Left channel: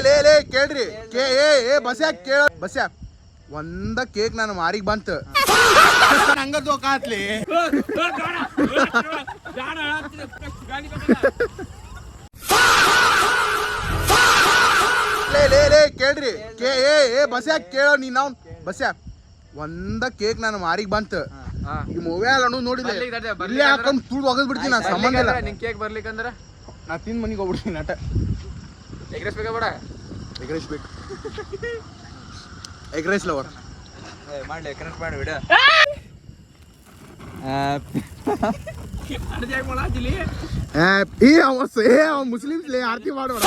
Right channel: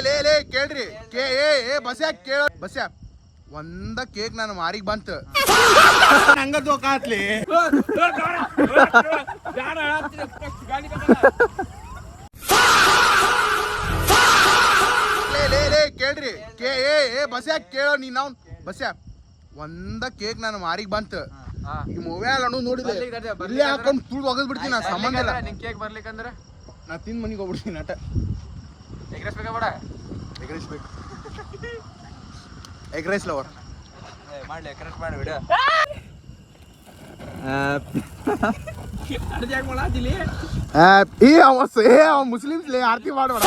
ಲೇ ಕೇಳ್ರಿ ಬಸ್ಯಾ ಕೇಳ ಬಸ್ಯಾ ಒಂದ ಕೇಕ್ ನಾನು ಮಾರಿಗೆ ಬಂತ ಹಂಗ ದೋಕಾತ್ಲಿ ಲೇ ಕೇಳ್ರಿ ಬಸ್ಯಾ ಕೇಳ ನೀ ನಾವು ಬಸ್ಯಾ ಒಂದ ಕೇಕ್ ನಾನು ಮಾರಿಗೆ ಬಂತ ಈ ಮೊಬೈಲ್ ಅನ್ನೋದು ನೋಡಿದ್ರೆ ಇಲ್ಲಿ ಹಾಕೊಂಡ್ ತುಳ್ದು ಹೋಗದ್ ಬಿಡ್ತೀನಿ ನಾನು ಸಂಬಂಧ ಇಲ್ಲ ನಿಂಗೆ ಕೇಕ್ ಬರ್ಲಿಕ್ಕಂದ್ರ ನಾ ತಿಂದು ಮನೆಗೆ ಹೋಗ್ಬಿಡ್ತೀನಿ ಆಟ ಎಗ್ರೆಸ್ ಬೇಕಾ ಬೇಡ ಎಗ್ರೆಸ್ ಬೇಕು ಎಗ್ರೆಸ್ ಲವರ್ ಮಾಡಿ ಎಗ್ರೆಸ್ ಮಾಡಿ ಬಿಡು ಮುಸ್ಲಿಮ್ಸ್ ಆರತಿ ಮಾಡೋಣ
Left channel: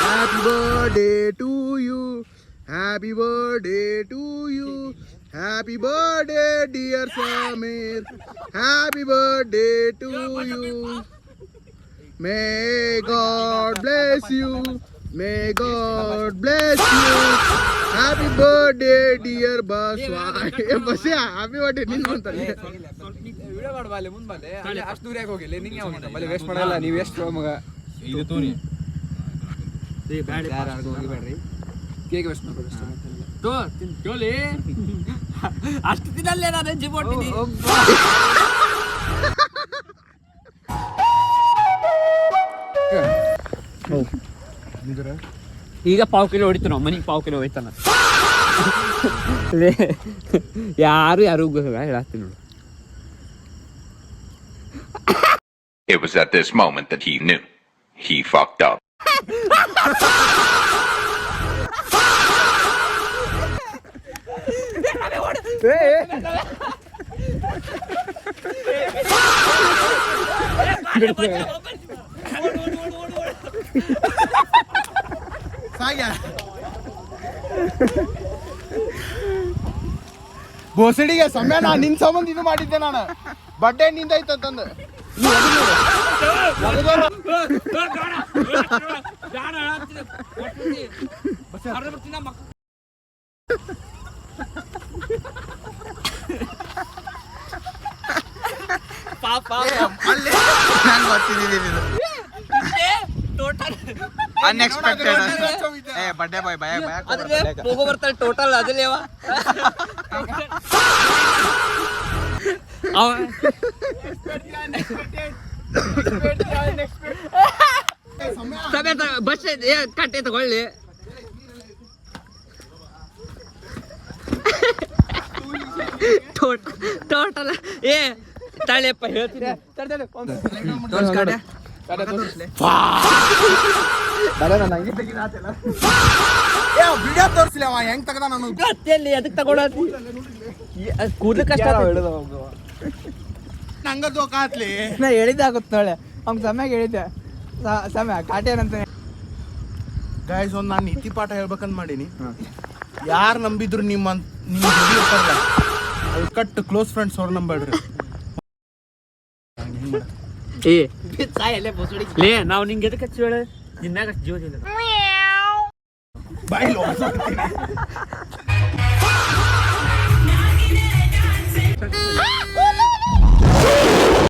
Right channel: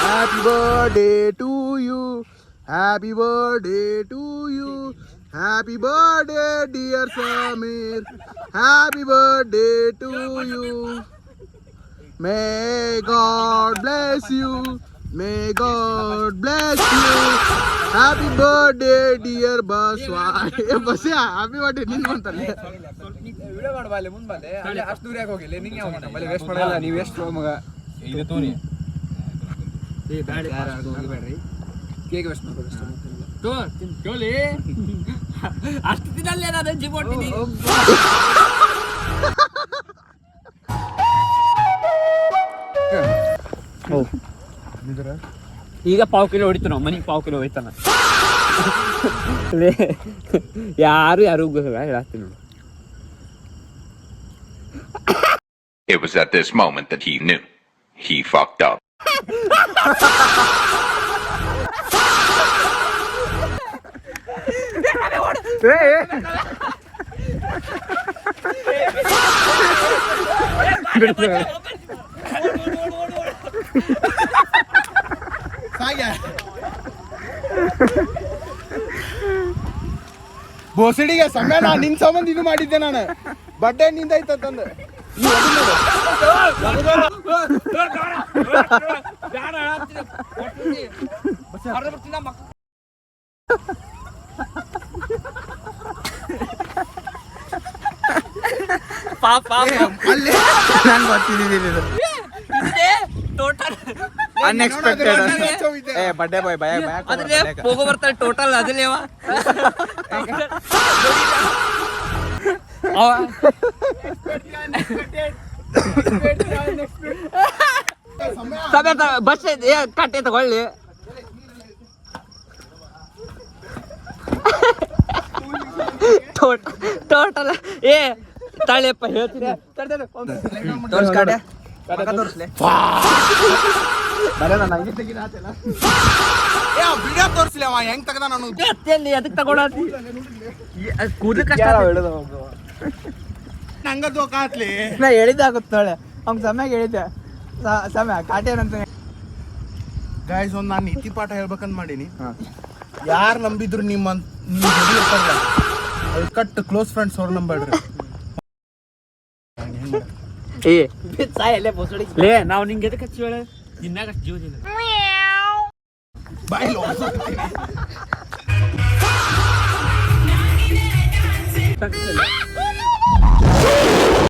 happy birthday to you happy birthday to you happy birthday dear Sameer happy birthday to you may God bless you may God bless you happy birthday dear Baswa ಬಸ್ಸೇ ಹ್ಯಾಪಿ ಬರ್ಡೇ ನಿನ್ನ ಅಂತಲ್ಲ ವಿಡಿಯೋ ಮಾಡಬಾಲೆ ಮುಂದೆ ಅಲ್ಲಿ ಅಷ್ಟು ದೂರ ಯಾಕೆ ಹೋಗಿಲ್ಲ ನಿಂಗೆ ಹೋಗೋಣ ಬಲೆ ವೇಸ್ಟ್ ಮಾಡಲ್ಲ ನೀವು ವೇಸ್ಟ್ ಮಗ ಇದು ತೋರಿ ಬ್ಯಾಡ ಯಾರು ಹೋಗಬೇಡ್ರಿ ಕೇಕ್ ವೇಸ್ಟ್ ಮಾಡ್ಬೋದು ಜೋಲಿ ಅಷ್ಟು ದಿನಲ್ಲೇ ನಾನು ಜಿಮ್ ಹೊಟ್ಟಿದ್ದೀನಿ ಈಗ ಪಾವ್ ಕಿಲೋ ಹೊಡಿತು ನಾವು ಮನೆಗೆ ಪಾವ್ ಕಿಲೋ ಹೋಯ್ತಾನ ಯಾರು ಹೇಳತ್ತೀನಿ. It was at this moment that he knew he fucked up. ಬೋಸಡಿಗೆ ಸಮಯ ನಾ ನಿನ್ ಸಂಬಂಧ ಇದು ಮಾಡಿದ್ದೆ ನಾನು ಬಡ್ಡೆ ನಿಂದ ಐತಂದು ಅನ್ಎಕ್ಸ್ಪೆಕ್ಟೆಡ್ ಬಡ್ಡೆ ಬಾಯ್ ಭಯ ಹೋಗೋ ಬರ್ತಾರೆ ಟೋಟಲ್ ಅದಲ್ಲಿ ಬಸ್ ಕಟ್ಟೆ ತಗೊಳ್ಳಿ ಟೋಟಲ್ ಏ ತಾಳೆಪ್ಪ ಹೇಳ್ತೀನಿ ವಿಡಿಯೋ ತೋರಿಸ್ಲಿ ಅವ ಹೆಂಗ್ ತಗದ ನಾನು ಅದಕ್ಕೆ ತಗೊಂಡ ಹಂಗ ದೋಕಾತ್ಲಿ ನಾ ಹೇಳಿದ್ದಾಗುತ್ತೆ ನೋಳೆ ಅವ್ನ ಸಮಯ ಹೇಳಿದ್ದೆ ಸಮಯ ಕಾಟೇನಂತ ಗಾಯ್ಸ್ ಒಂದು ನಾನು ನೀತಿ ಪಾಠ ಹೇಳ್ಬೇಕಂತ ಮಾಡೀನಿ ಯಾರು ನಂಬಿದ್ರು ನಿಮ್ಮ ಕಟ್ ಕ್ಲೋಸ್ ಫ್ರೆಂಡ್ಸ್ ಅವ್ರು ನಂಬೇಡ್ರಿ ಲೇ ನಾವು ನಿಂಗೆ ಎದಕ್ಕೆ ಹಚ್ಚಿ ಹೇಳ ನಿನ್ನಾಗ ಜೀವದಿಲ್ಲ ಬಾಯ್